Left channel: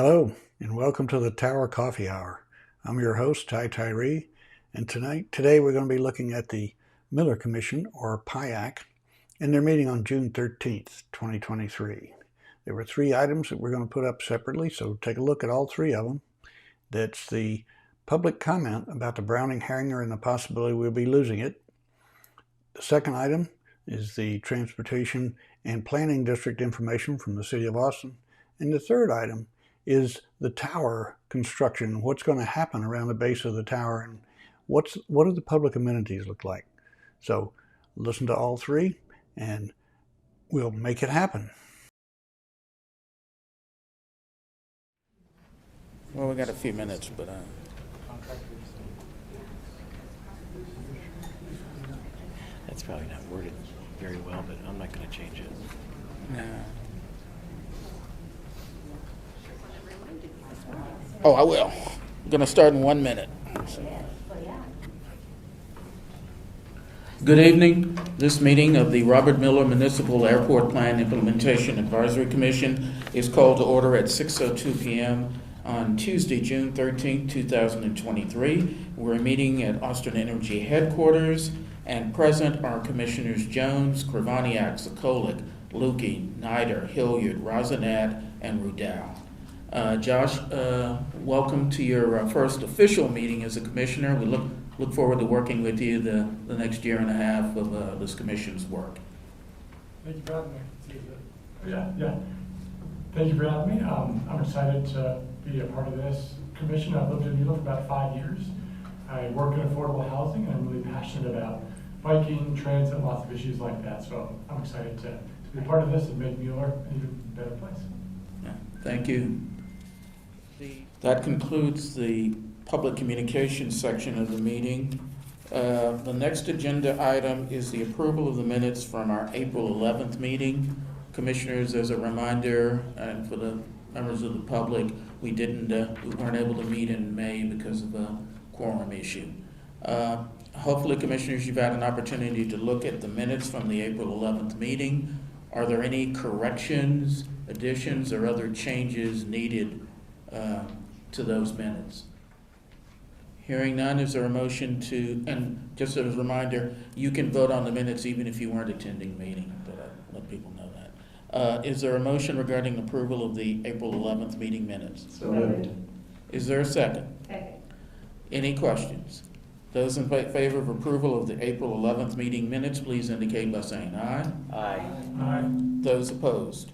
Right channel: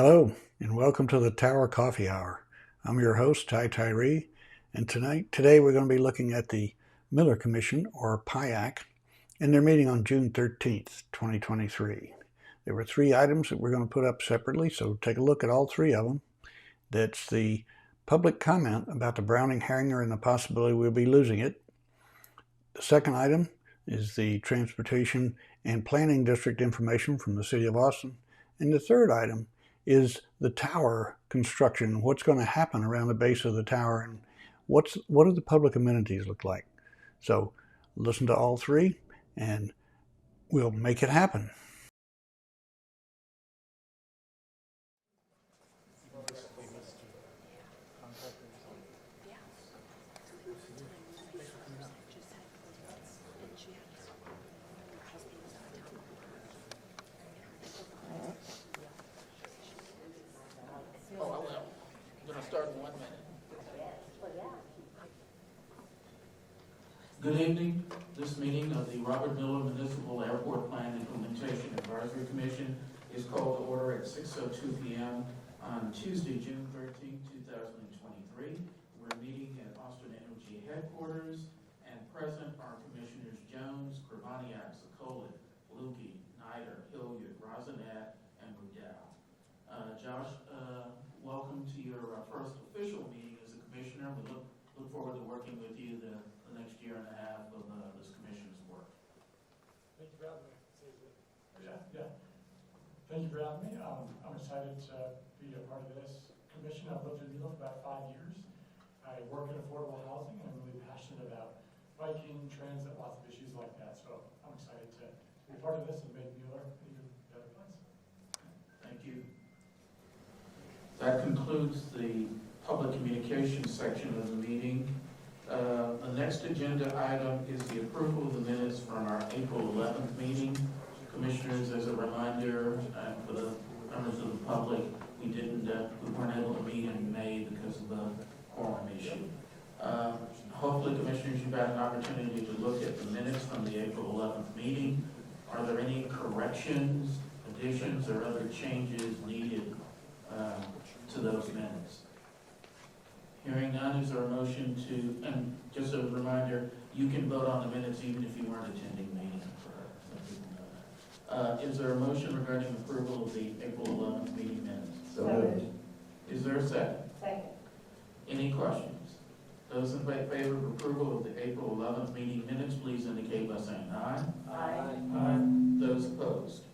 Hello, and welcome to the Tower Coffee Hour. I'm your host, Ty Tyree, and today we're going to be looking at the Mueller Commission, or PIAC, and their meeting on June 13th, 2023. There were three items that we're going to put up separately, so take a look at all three of them. That's the public comment about the Browning hangar and the possibility we'll be losing it. The second item is the Transportation and Planning District information from the City of Austin. And the third item is the tower construction, what's going to happen around the base of the tower, and what do the public amenities look like. So listen to all three and we'll make it happen. Well, we got a few minutes, but That's probably not worded very well, but I'm not going to change it. no. Oh, I will. I'm going to start in 1 minute. Good evening. This meeting of the Robert Mueller Municipal Airport Plan Implementation Advisory Commission is called to order at 6:02 p.m. on Tuesday, June 13, 2023. We're meeting at Austin Energy headquarters, and present are Commissioners Jones, Kravaniak, Sokolik, Lukey, Nider, Hilliard, Rosinat, and Rudell. Josh, welcome to your first official meeting as a commissioner. We look forward to working with you the next year and a half of this commission's work. Thank you for having me. Yeah. Thank you for having me. I'm excited to be a part of this commission. I've lived in Mueller for about 5 years. I work in affordable housing, and I'm really passionate about biking, transit, and lots of issues like that. So I'm excited to be part of this and make Mueller an even better place. Yeah, thank you. That concludes the public communications section of the meeting. The next agenda item is the approval of the minutes from our April 11th meeting. Commissioners, as a reminder, and for the members of the public, we weren't able to meet in May because of the quorum issue. Hopefully, Commissioners, you've had an opportunity to look at the minutes from the April 11th meeting. Are there any corrections, additions, or other changes needed to those minutes? Hearing none, is there a motion to, and just as a reminder, you can vote on the minutes even if you weren't attending the meeting, but I let people know that. Is there a motion regarding approval of the April 11th meeting minutes? So Is there a second? Second. Any questions? Those in favor of approval of the April 11th meeting minutes, please indicate by saying aye. Aye. Aye. Those opposed?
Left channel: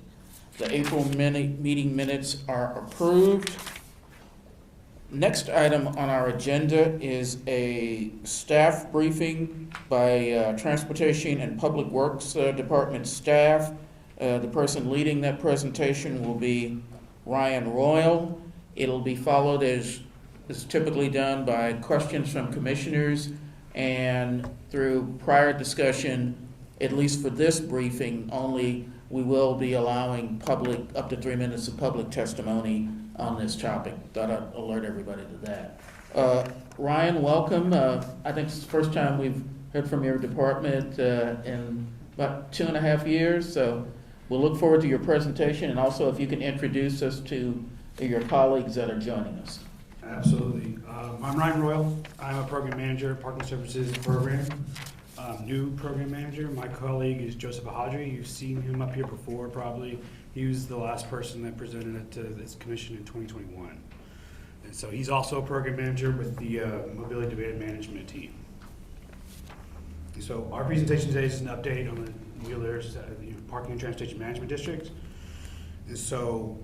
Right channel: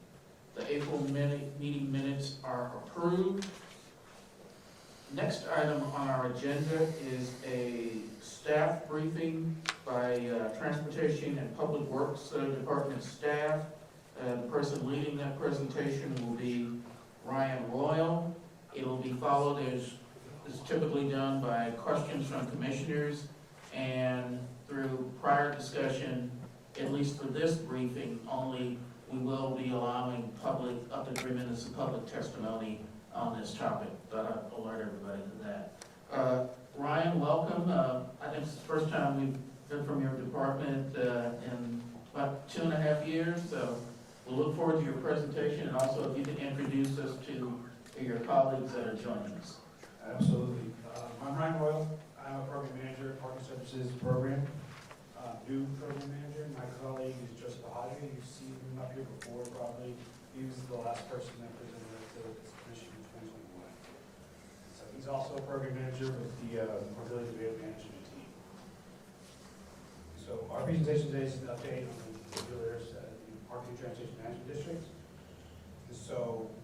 The April meeting minutes are approved. Next item on our agenda is a staff briefing by Transportation and Public Works Department staff. The person leading that presentation will be Ryan Royal. It'll be followed, as is typically done, by questions from commissioners, and through prior discussion, at least for this briefing only, we will be allowing up to 3 minutes of public testimony on this topic. Gotta alert everybody to that. Ryan, welcome. I think it's the first time we've heard from your department in about 2.5 years, so we'll look forward to your presentation, and also if you can introduce us to your colleagues that are joining us. Absolutely. I'm Ryan Royal. I'm a program manager, Parking Services Program. New program manager. My colleague is Joseph Ahadri. You've seen him up here before, probably. He was the last person that presented it to this commission in 2021. And so he's also a program manager with the Mobility Demand Management team. So our presentation today is an update on the Mueller's Parking and Transportation Management District. And so,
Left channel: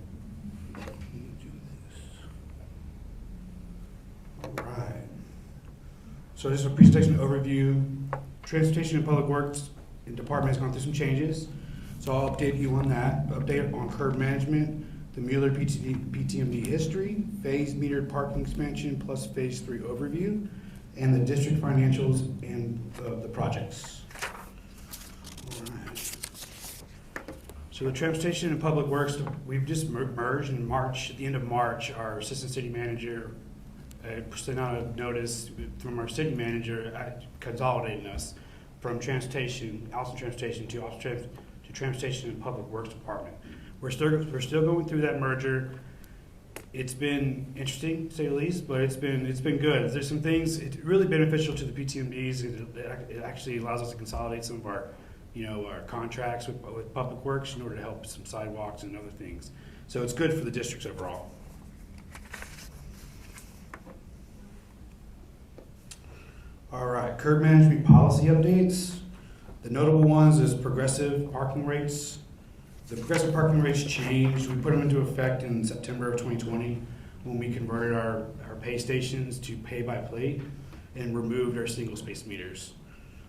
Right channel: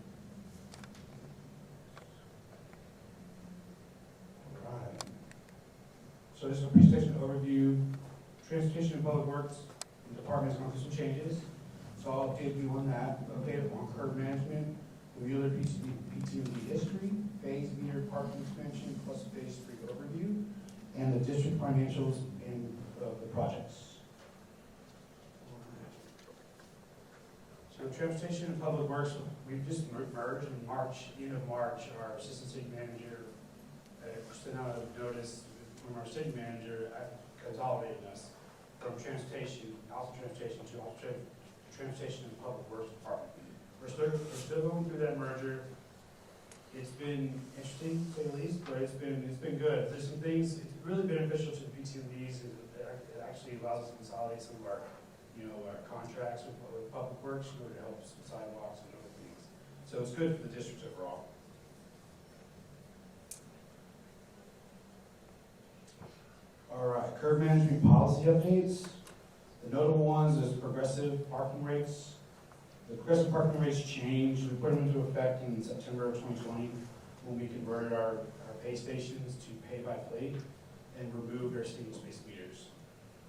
all right. So this is a presentation overview. Transportation and Public Works Department has gone through some changes. So I'll update you on that. Update on curb management, the Mueller PTMD history, phase metered parking expansion plus phase 3 overview, and the district financials and the projects. All right. So the Transportation and Public Works, we've just merged in March. At the end of March, our assistant city manager sent out a notice from our city manager consolidating us from Transportation, Austin Transportation to Transportation and Public Works Department. We're still going through that merger. It's been interesting, to say the least, but it's been good. There's some things, it's really beneficial to the PTMDs. It actually allows us to consolidate some of our, our contracts with Public Works in order to help some sidewalks and other things. So it's good for the districts overall. All right, curb management policy updates. The notable ones is progressive parking rates. The progressive parking rates changed. We put them into effect in September of 2020 when we converted our pay stations to pay by plate and removed our single space meters.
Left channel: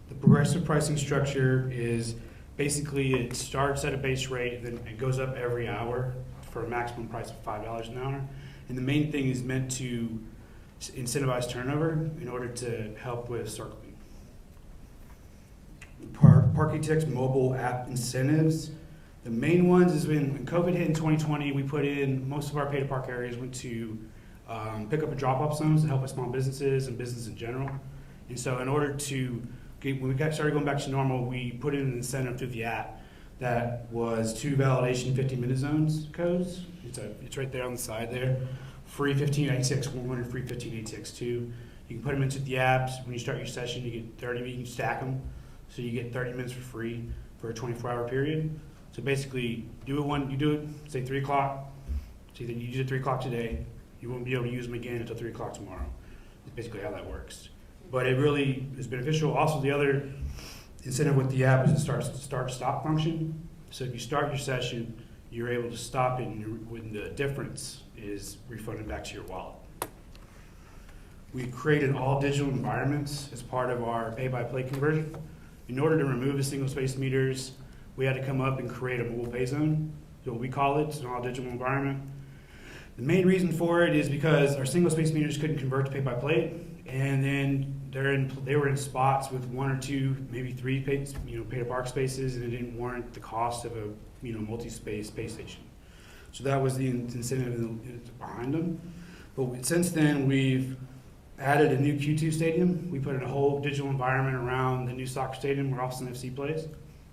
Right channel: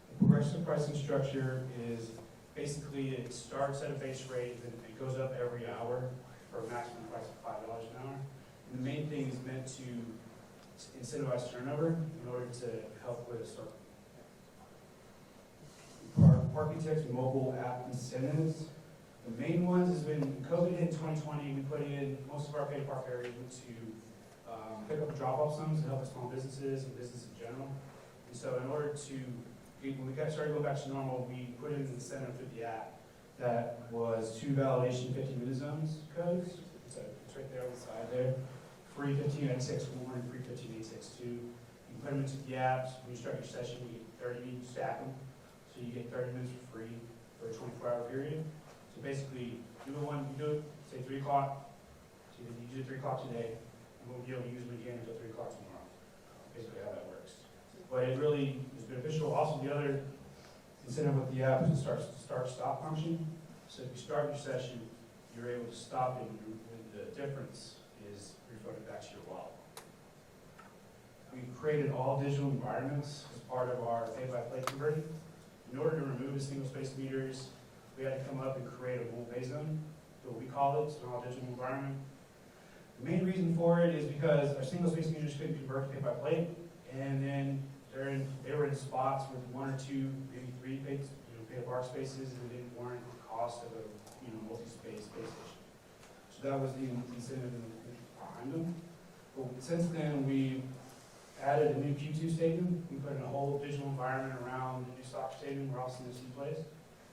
The progressive pricing structure is basically it starts at a base rate, then it goes up every hour for a maximum price of $5 an hour. And the main thing is meant to incentivize turnover in order to help with circling. Parkitect's mobile app incentives. The main ones is when COVID hit in 2020, we put in most of our pay to park areas went to pick up and drop off zones to help with small businesses and business in general. And so in order to when we started going back to normal, we put in an incentive through the app that was 2 validation 50-minute zones codes. It's right there on the side there. Free 1586-1 and free 1586-2. You can put them into the apps. When you start your session, you get 30, you can stack them. So you get 30 minutes for free for a 24-hour period. So basically, you do it, say 3 o'clock. So then you use it 3 o'clock today. You won't be able to use them again until 3 o'clock tomorrow. That's basically how that works. But it really is beneficial. Also, the other incentive with the app is the start-stop function. So if you start your session, you're able to stop it, and when the difference is refunded back to your wallet. We created all digital environments as part of our pay-by-play conversion. In order to remove the single-space meters, we had to come up and create a mobile pay zone, so what we call it. It's an all-digital environment. The main reason for it is because our single-space meters couldn't convert to pay-by-plate, and then they were in spots with 1 or 2, maybe 3 pay-to-park spaces, and it didn't warrant the cost of a multi-space pay station. So that was the incentive behind them. But since then, we've added a new Q2 stadium. We put in a whole digital environment around the new soccer stadium where Austin FC plays.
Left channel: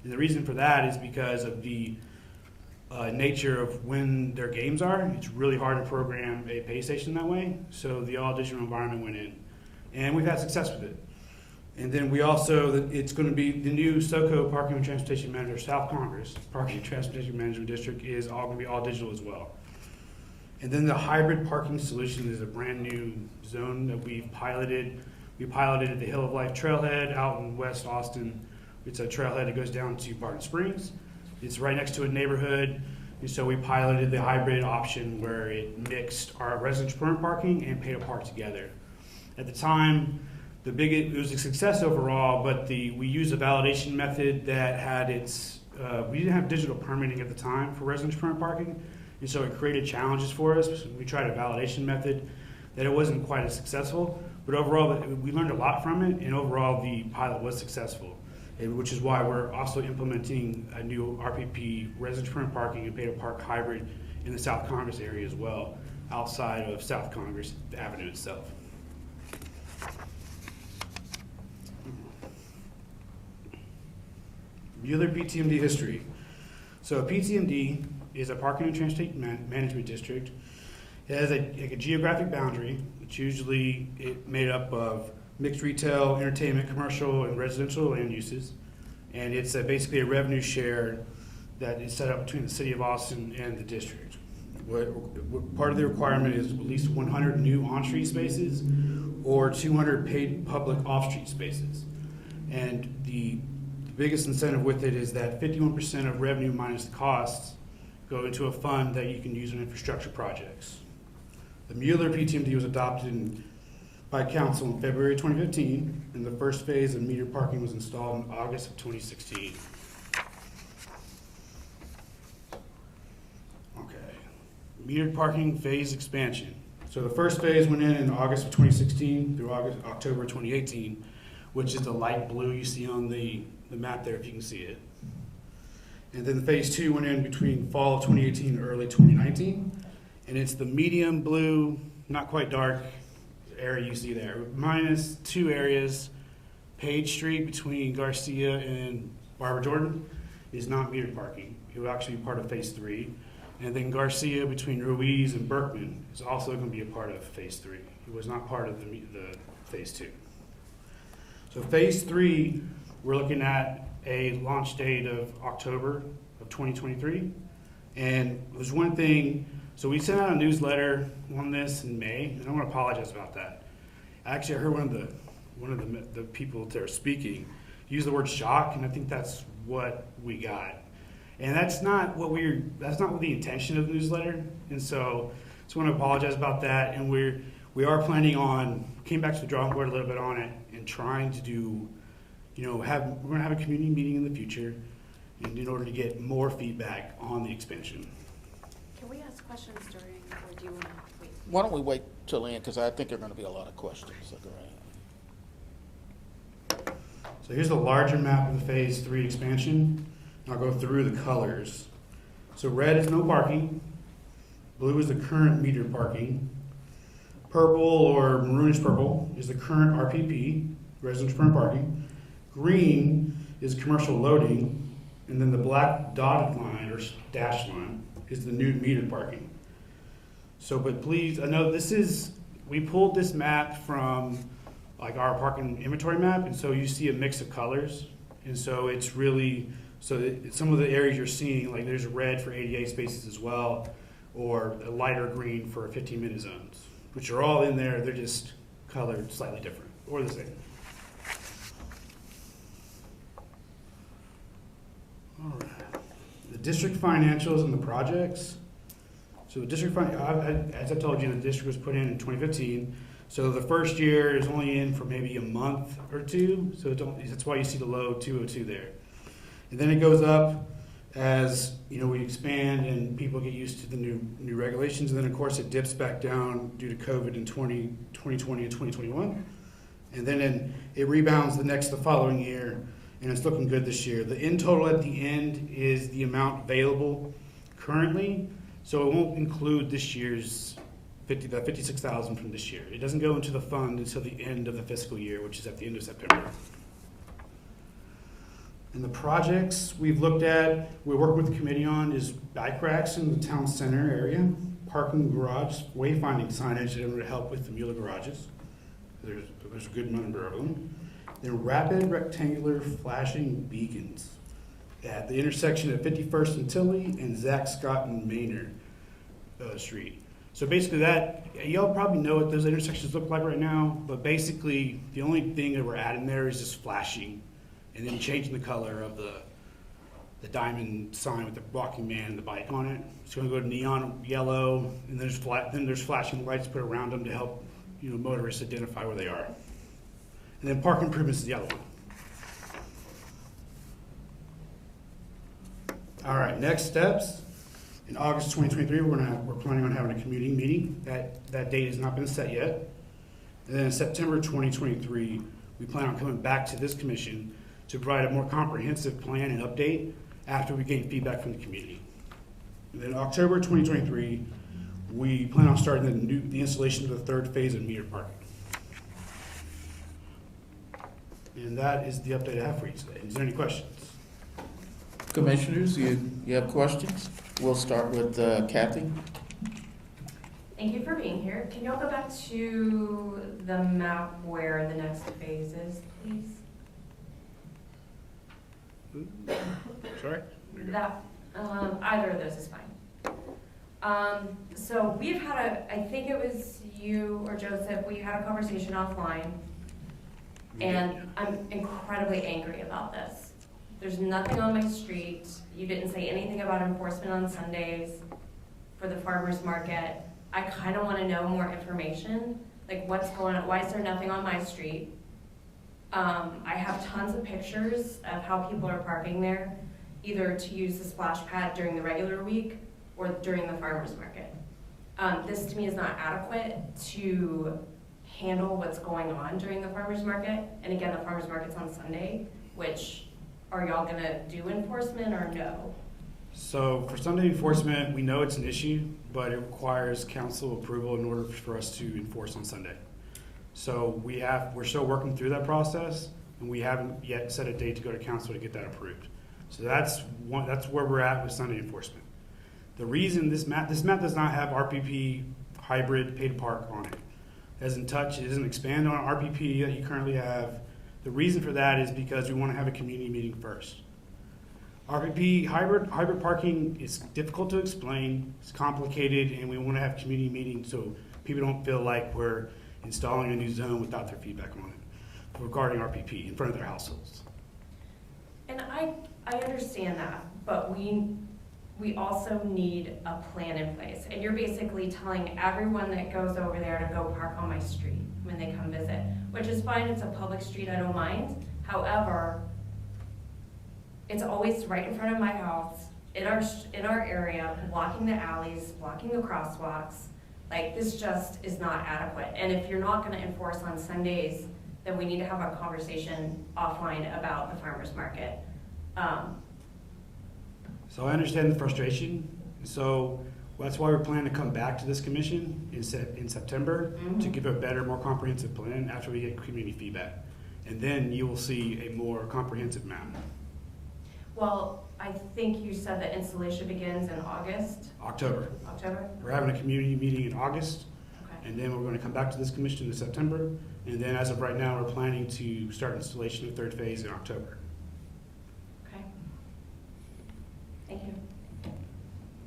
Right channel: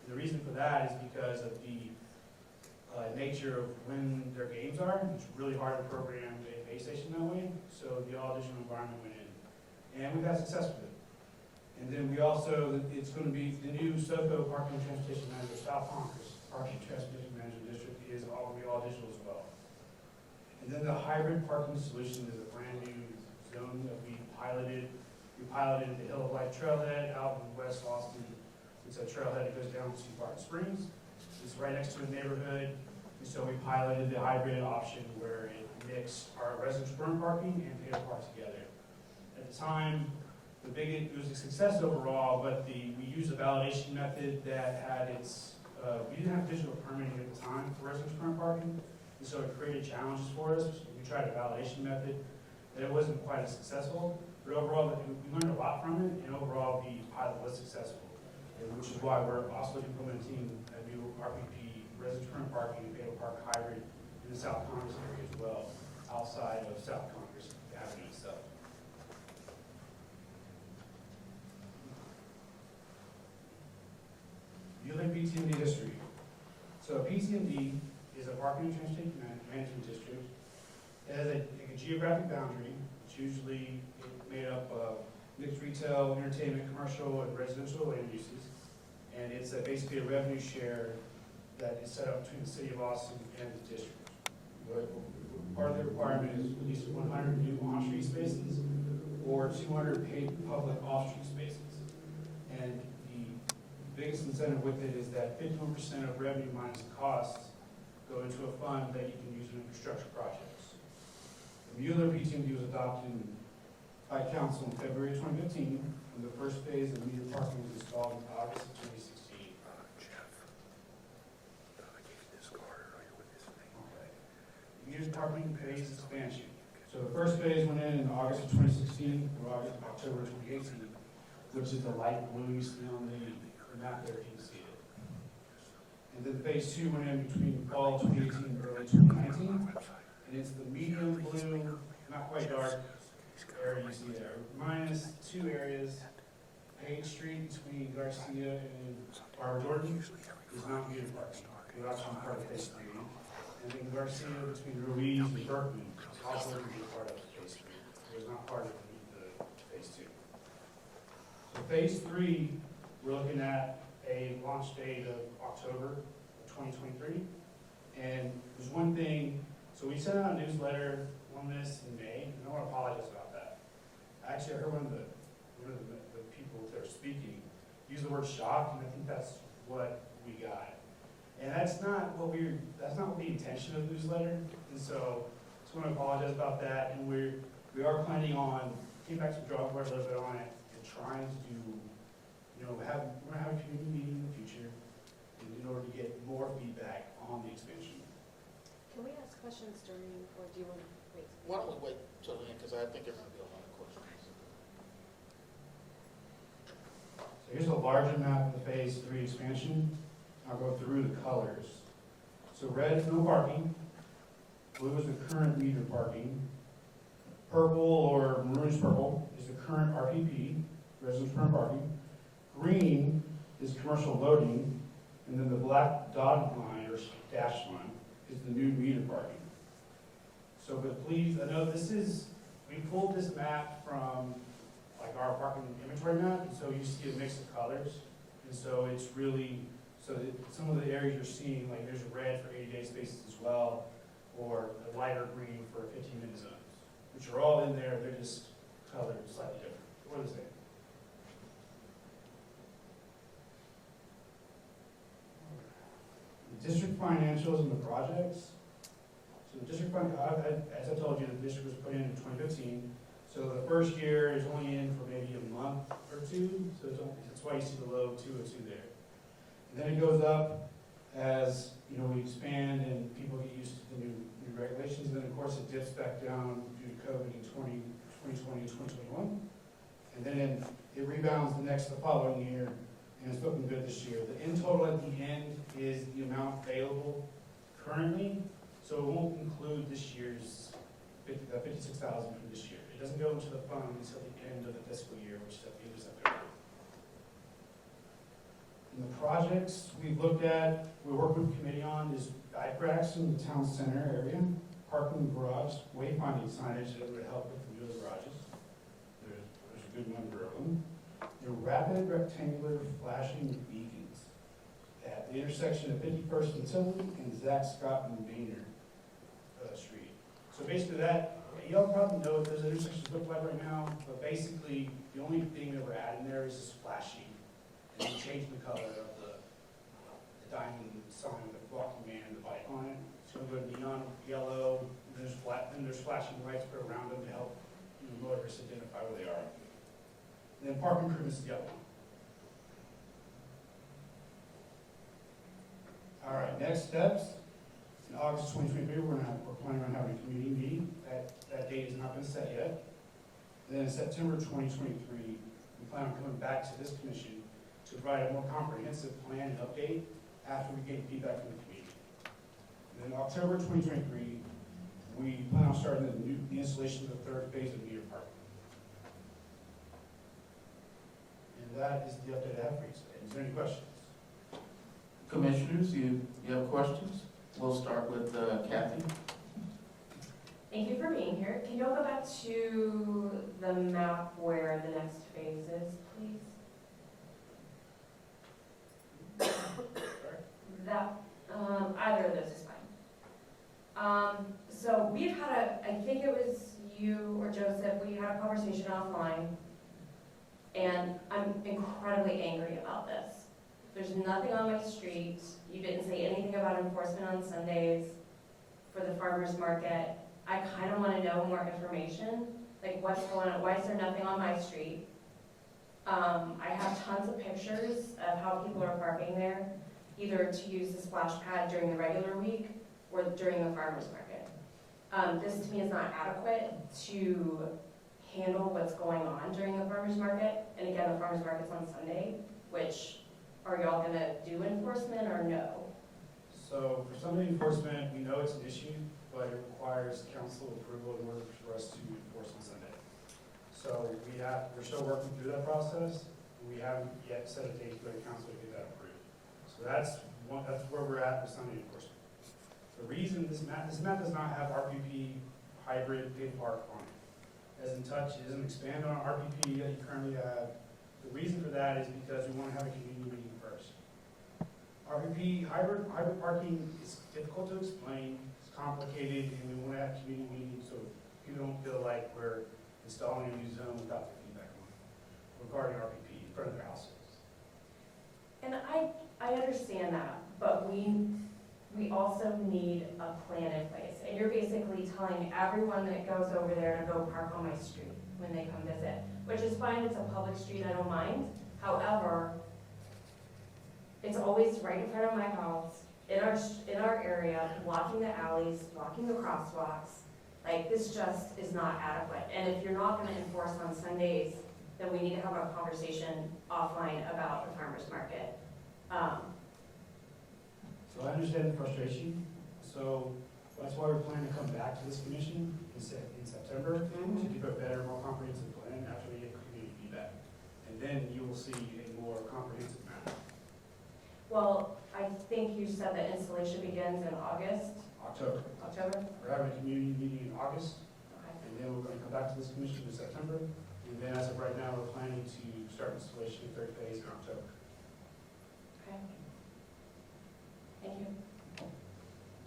And the reason for that is because of the nature of when their games are. It's really hard to program a pay station that way. So the all digital environment went in. And we've had success with it. And then we also, it's going to be the new SoCo Parking and Transportation Manager, South Congress Parking and Transportation Management District is all going to be all digital as well. And then the hybrid parking solution is a brand new zone that we've piloted. We piloted at the Hill of Life Trailhead out in West Austin. It's a trailhead that goes down to Barton Springs. It's right next to a neighborhood. And so we piloted the hybrid option where it mixed our residential permanent parking and pay to park together. At the time, it was a success overall, but we used a validation method that had we didn't have digital permitting at the time for residential permanent parking, and so it created challenges for us. We tried a validation method that it wasn't quite as successful, but overall we learned a lot from it, and overall the pilot was successful, which is why we're also implementing a new RPP, residential permanent parking and pay-to-park hybrid in the South Congress area as well, outside of South Congress Avenue itself. Mueller PTMD history. So PTMD is a parking and transportation management district. It has a geographic boundary. It's usually made up of mixed retail, entertainment, commercial, and residential land uses. And it's basically a revenue share that is set up between the city of Austin and the district. Part of the requirement is at least 100 new on-street spaces or 200 paid public off-street spaces. And the biggest incentive with it is that 51% of revenue minus the costs go into a fund that you can use in infrastructure projects. The Mueller PTMD was adopted by council in February 2015, and the first phase of metered parking was installed in August of 2016. Okay, metered parking phase expansion. So the first phase went in August of 2016 through October 2018, which is the light blue you see on the map there, if you can see it. And then phase 2 went in between fall of 2018 and early 2019. And it's the medium blue, not quite dark area you see there, minus 2 areas. Page Street between Garcia and Barbara Jordan is not metered parking. It will actually be part of phase 3. And then Garcia between Ruiz and Berkman is also going to be a part of phase 3. It was not part of the phase 2. So phase 3, we're looking at a launch date of October of 2023. And there's one thing, so we sent out a newsletter on this in May, and I want to apologize about that. Actually, I heard one of the people that are speaking use the word shock, and I think that's what we got. And that's not the intention of the newsletter. And so just want to apologize about that. And we are planning on, came back to the drawing board a little bit on it and trying to do, we're going to have a community meeting in the future in order to get more feedback on the expansion. Can we ask questions during, or do you want to wait? Why don't we wait till the end, because I think there are going to be a lot of questions. So go ahead. So here's the larger map of the phase 3 expansion. I'll go through the colors. So red is no parking. Blue is the current meter parking. Purple or maroonish purple is the current RPP, residential permanent parking. Green is commercial loading. And then the black dotted line or dashed line is the new meter parking. So, but please, I know we pulled this map from like our parking inventory map, and so you see a mix of colors. And so it's really, some of the areas you're seeing, like there's red for ADA spaces as well, or a lighter green for 15-minute zones, which are all in there. They're just colored slightly different or the same. All right. The district financials and the projects. So the district, as I told you, the district was put in 2015. So the first year is only in for maybe a month or two. So that's why you see the low 202 there. And then it goes up as we expand and people get used to the new regulations. And then of course it dips back down due to COVID in 2020 and 2021. And then it rebounds the following year, and it's looking good this year. The in total at the end is the amount available currently. So it won't include this year's that 56,000 from this year. It doesn't go into the fund until the end of the fiscal year, which is at the end of September. And the projects we've looked at, we're working with the committee on, is bike racks in the town center area, parking garage, wayfinding signage that would help with the Mueller garages. There's a good number of them. And rapid rectangular flashing beacons at the intersection of 51st and Tilly and Zach Scott and Maynard Street. So basically y'all probably know what those intersections look like right now, but basically the only thing that we're adding there is just flashing and then changing the color of the diamond sign with the walking man and the bike on it. So we're going to go to neon yellow, and then there's flashing lights put around them to help motorists identify where they are. And then park improvements is the other one. All right, next steps. In August 2023, we're planning on having a community meeting. That date has not been set yet. And then in September 2023, we plan on coming back to this commission to provide a more comprehensive plan and update after we gain feedback from the community. And then October 2023, we plan on starting the installation of the third phase of meter parking. And that is the update I have for you today. Is there any questions? Commissioners, you have questions? We'll start with Kathy. Thank you for being here. Can you all go back to the map where the next phase is, please? Sorry? That, either of this is fine. So we've had, I think it was you or Joseph, we had a conversation offline, and I'm incredibly angry about this. There's nothing on my street. You didn't say anything about enforcement on Sundays for the farmer's market. I kind of want to know more information, like what's going on, why is there nothing on my street? I have tons of pictures of how people are parking there, either to use the splash pad during the regular week or during the farmer's market. This to me is not adequate to handle what's going on during the farmer's market. And again, the farmer's market's on Sunday, which are y'all gonna do enforcement or no? So for Sunday enforcement, we know it's an issue, but it requires council approval in order for us to enforce on Sunday. So we're still working through that process, and we haven't yet set a date to go to council to get that approved. So that's where we're at with Sunday enforcement. The reason this map does not have RPP hybrid paid park on it. It doesn't expand on RPP that you currently have. The reason for that is because we want to have a community meeting first. RPP hybrid parking is difficult to explain, it's complicated, and we want to have community meetings so people don't feel like we're installing a new zone without their feedback on it regarding RPP in front of their households. And I understand that, but we also need a plan in place. And you're basically telling everyone that goes over there to go park on my street when they come visit, which is fine, it's a public street, I don't mind. However, it's always right in front of my house, in our area, blocking the alleys, blocking the crosswalks. Like, this just is not adequate. And if you're not gonna enforce on Sundays, then we need to have a conversation offline about the farmer's market. So I understand the frustration. So that's why we're planning to come back to this commission in September to give a better, more comprehensive plan after we get community feedback. And then you will see a more comprehensive map. Well, I think you said that installation begins in August? October. October? We're having a community meeting in August, Okay. and then we're gonna come back to this commission in September. And then as of right now, we're planning to start installation of third phase in October. Okay. Thank you.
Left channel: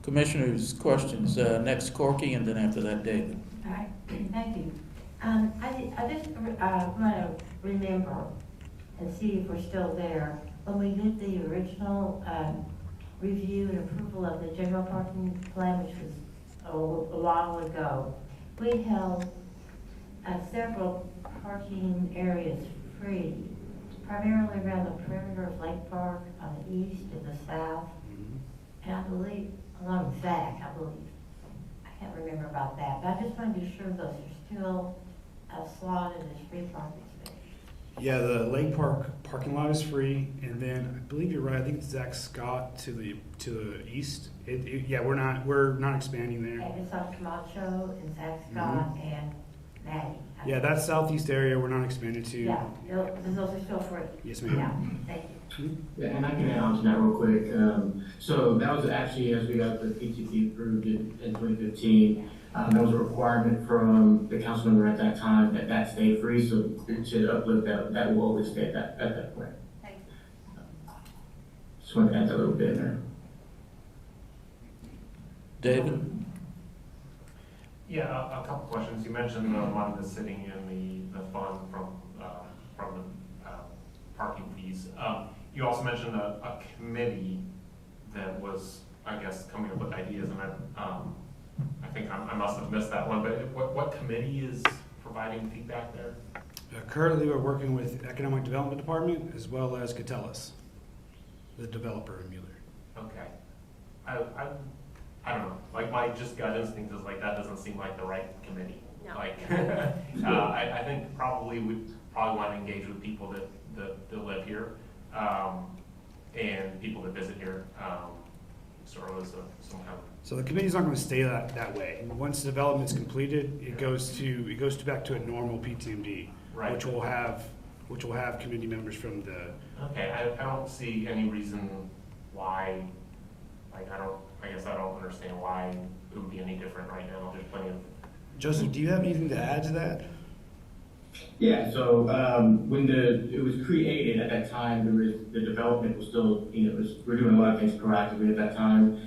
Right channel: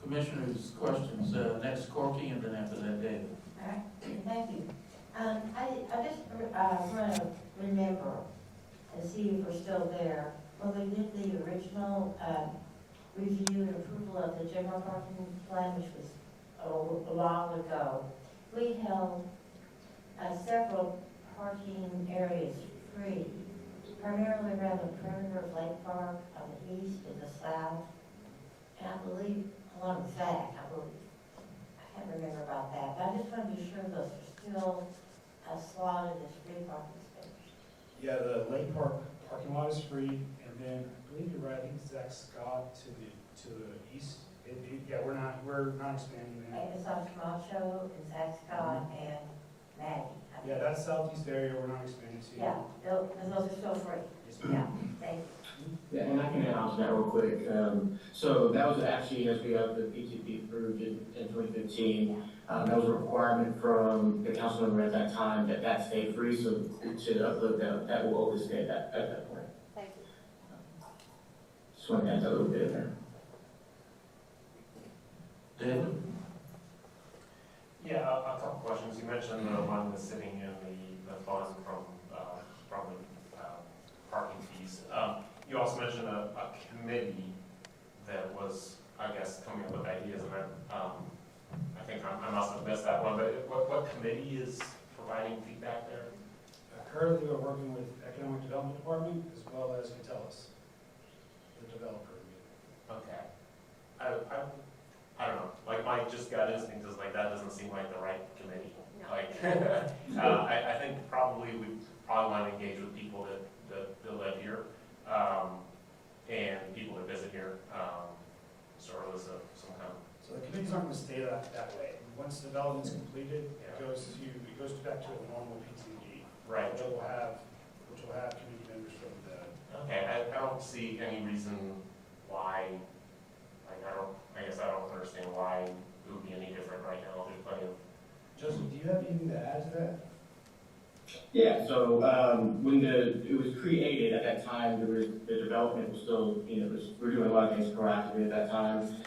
Commissioners, questions, next Corky, and then after that, David. All right, thank you. I just want to remember and see if we're still there. When we did the original review and approval of the general parking plan, which was a while ago, we held several parking areas free, primarily around the perimeter of Lake Park on the east and the south, and I believe along Zach, I believe. I can't remember about that, but I just wanted to be sure those are still slotted as free parking spaces. Yeah, the Lake Park parking lot is free, and then I believe you're right, I think it's Zach Scott to the east. Yeah, we're not expanding there. And it's like Camacho and Zach Scott and Maddie. Yeah, that southeast area we're not expanding to. Yeah, those are still free. Yes, Yeah, ma'am. thank you. Yeah, and I can announce that real quick. So that was actually, as we got the PCP approved in 2015, that was a requirement from the council member at that time that that stay free, so we should upload that will always stay at that point. So I'm gonna add that a little bit in there. David? Yeah, a couple questions. You mentioned the money that's sitting in the fund from the parking piece. You also mentioned a committee that was, I guess, coming up with ideas that, I think I must have missed that one, but what committee is providing feedback there? Currently, we're working with Economic Development Department as well as Catellis, the developer in Mueller. Okay. I don't know, like my just gut instinct is like that doesn't seem like the right committee. Like, I think probably we want to engage with people that live here, and people that visit here, sort of as some kind of. So the committee's not gonna stay that way. Once development is completed, it goes back to a normal PTMD, Right. which will have committee members from the. Okay, I don't see any reason why, I guess I don't understand why it would be any different right now, just plenty of. Joseph, do you have anything to add to that? Yeah, so when it was created at that time, the development was still, we were doing a lot of things proactively at that time.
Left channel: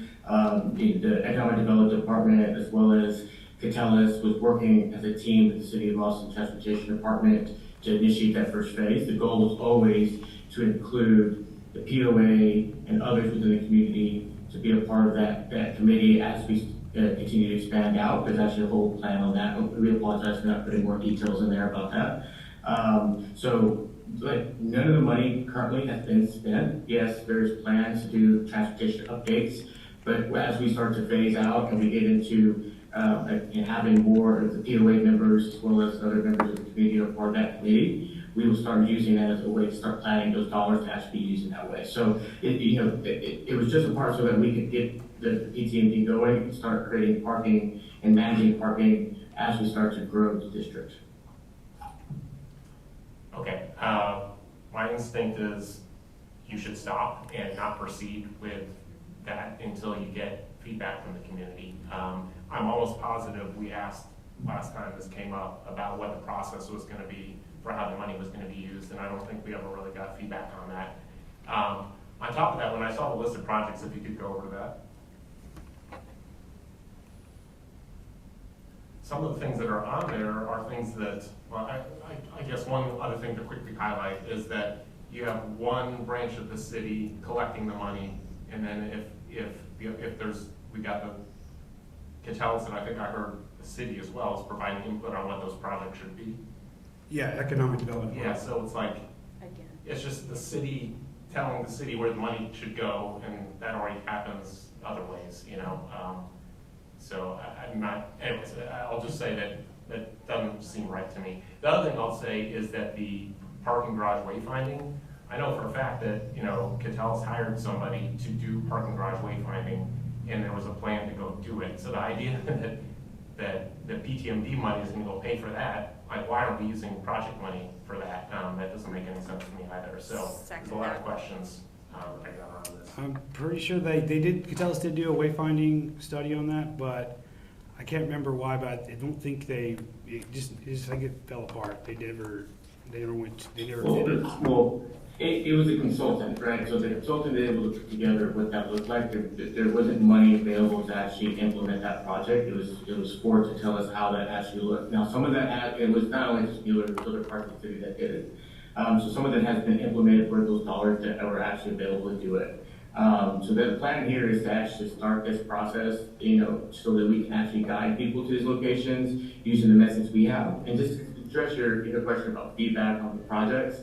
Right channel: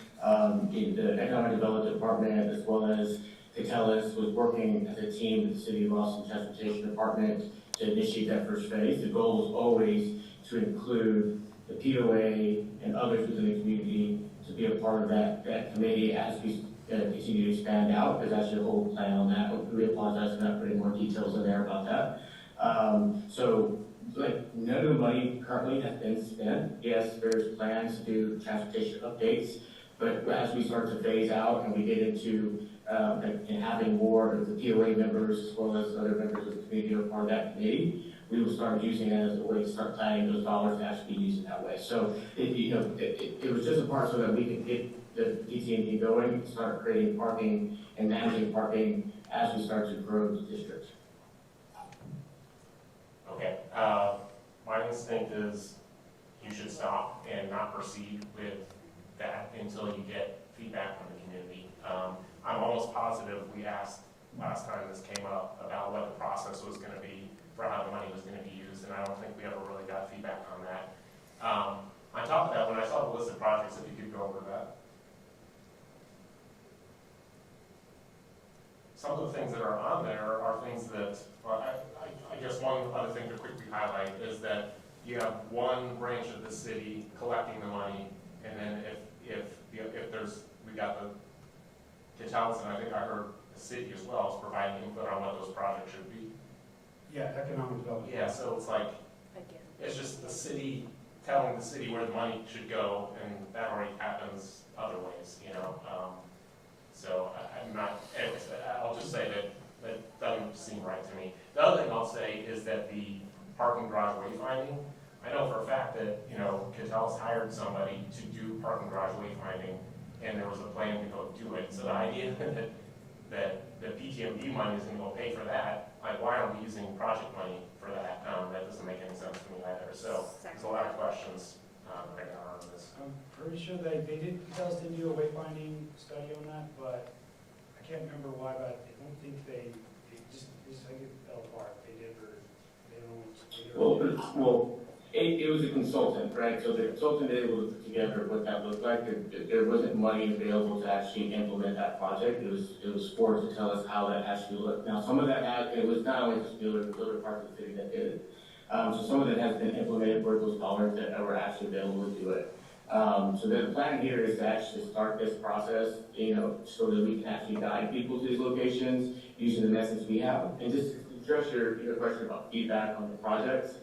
The Economic Development Department as well as Catellis was working as a team with the City of Austin Transportation Department to initiate that first phase. The goal was always to include the POA and others within the community to be a part of that committee as we continue to expand out, because that's your whole plan on that. We apologize for not putting more details in there about that. So, like, none of the money currently has been spent. Yes, there's plans to do transportation updates, but as we start to phase out and we get into and having more of the POA members as well as other members of the community are part of that committee, we will start using that as a way to start planning those dollars to actually use in that way. So, it was just a part so that we could get the PCMD going, start creating parking and managing parking as we start to grow the district. Okay, my instinct is you should stop and not proceed with that until you get feedback from the highlight is that you have one branch of the city collecting the money, and then if there's, we got the house, or the city as well is providing input on what those projects should be. Yeah, economic development. Yeah, so it's like, it's just the city telling the city where the money should go, and that already happens other ways, you know? So I'm not, I'll just say that it doesn't seem right to me. The other thing I'll say is that the parking garage wayfinding, I know for a fact that, you know, Cattell's hired somebody to do parking garage wayfinding, and there was a plan to go do it. So the idea that the PTMP money isn't going to pay for that, like, why aren't we using project money for that? That doesn't make any sense to me either. So there's a lot of questions right now on this. I'm pretty sure they did, Catellus did do a wayfinding study on that, but I can't remember why, but I don't think it just like it fell apart. They never did it. Well, it was a consultant, right? So the consultant did look together what that looked like. There wasn't money available to actually implement that project. It was forced to tell us how that actually looked. Now, some of that it was not only just the other parts of the city that did it. So some of it has been implemented for those dollars that were actually available to do it. So the plan here is to actually start this process, you know, so that we can actually guide people to these locations using the methods we have. And just to address your question about feedback on the projects,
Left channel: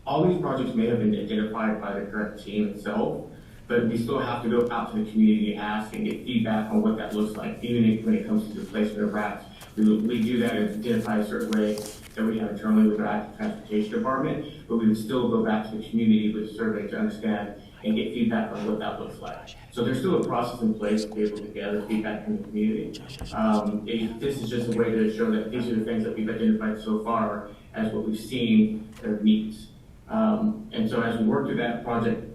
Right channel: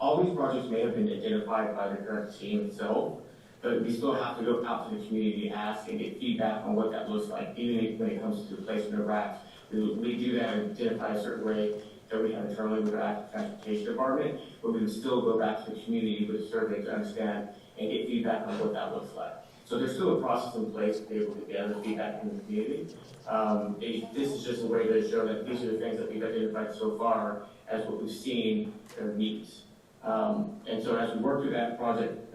all these projects may have been identified by the current team itself, but we still have to go out to the community, ask and get feedback on what that looks like, even when it comes to the placement of racks. We do that in identify a certain way that we have internally with our transportation department, but we would still go back to the community with surveys to understand and get feedback on what that looks like. So there's still a process in place to be able to gather feedback from the community. This is just a way to show that these are the things that we've identified so far as what we've seen that are needs. And so as we work through that project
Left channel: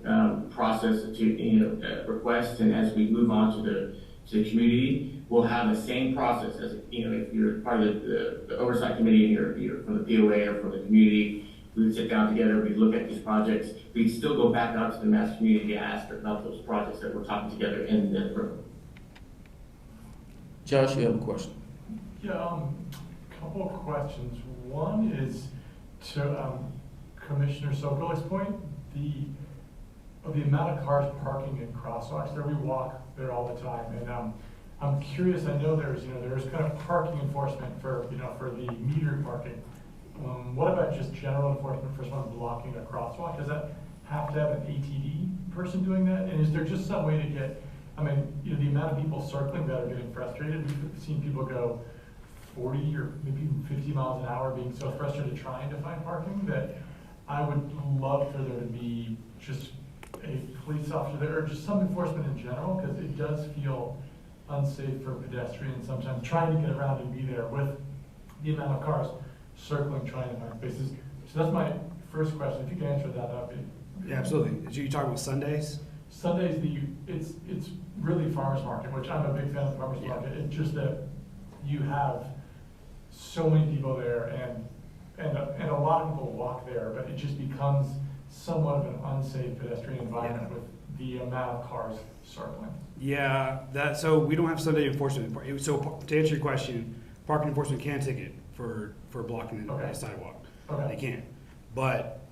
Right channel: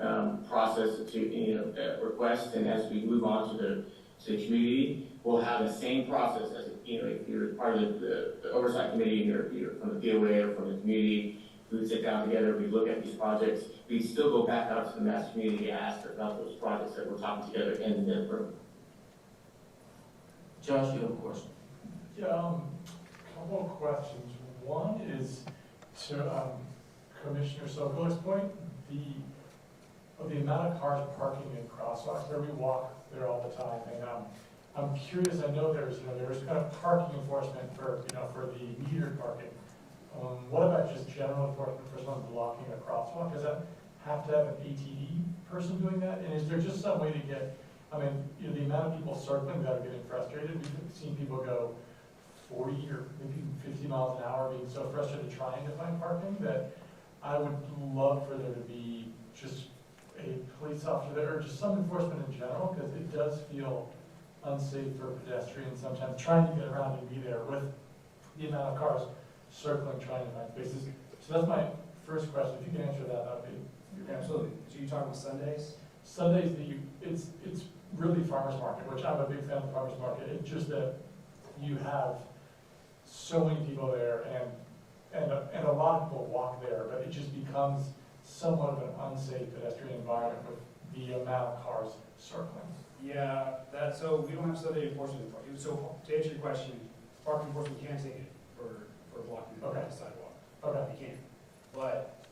process to request, and as we move on to the community, we'll have the same process as, you know, if you're part of the oversight committee or you're from the DOA or from the community, we would sit down together, we look at these projects, we still go back up to the mass community and ask about those projects that we're talking together in the room. Josh, you have a question? Yeah, couple of questions. One is to Commissioner Soko's point, the amount of cars parking in crosswalks there, we walk there all the time, and I'm curious, I know there's kind of parking enforcement for the meter parking. What about just general enforcement for someone blocking a crosswalk? Does that have to have an ATD person doing that? And is there just some way to get, the amount of people circling that are getting frustrated, you've seen people go 40 or maybe 50 miles an hour being so frustrated trying to find parking that I would love for there to be just a police officer there, or just some enforcement in general, because it does feel unsafe for pedestrians sometimes trying to get around and be there with the amount of cars circling trying to find places. So that's my first question. If you can answer that, okay. Yeah, absolutely. So you talking about Sundays? Sundays, it's really farmers market, which I'm a big fan of farmers market. It's just that you have so many people there, and a lot of people walk there, but it just becomes somewhat of an unsafe pedestrian environment with the amount of cars circling. Yeah, so we don't have Sunday enforcement. So to answer your question, parking enforcement can ticket for blocking the sidewalk. Okay. They can, but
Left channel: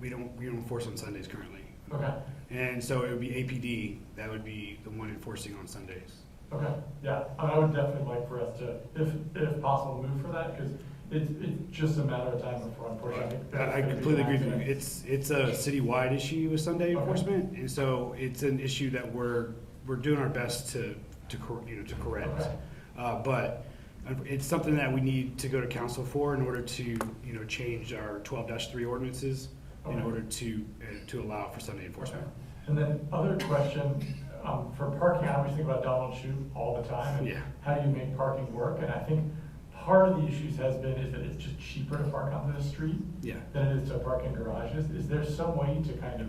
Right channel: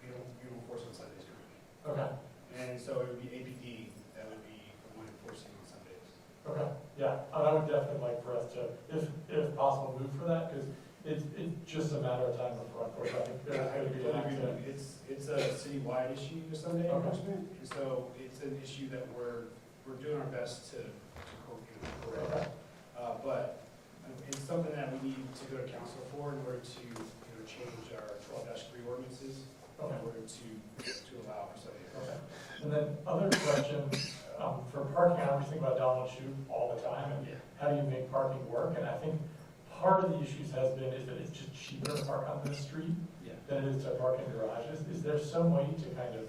we don't enforce on Sundays currently. Okay. And so it would be APD that would be the one enforcing on Sundays. Okay. Yeah, I would definitely like for us to, if possible, move for that, because it's just a matter of time before. I completely agree with you. It's a citywide issue with Sunday enforcement, and so it's an issue that we're doing our best to correct. But it's something that we need to go to council for in order to change our 12-3 ordinances in order to allow for Sunday enforcement. And then other question, for parking, I think about Donald Shoot all the time. And Yeah. how do you make parking work? And I think part of the issues has been is that it's just cheaper to park on the street Yeah. than it is to park in garages. Is there some way to kind of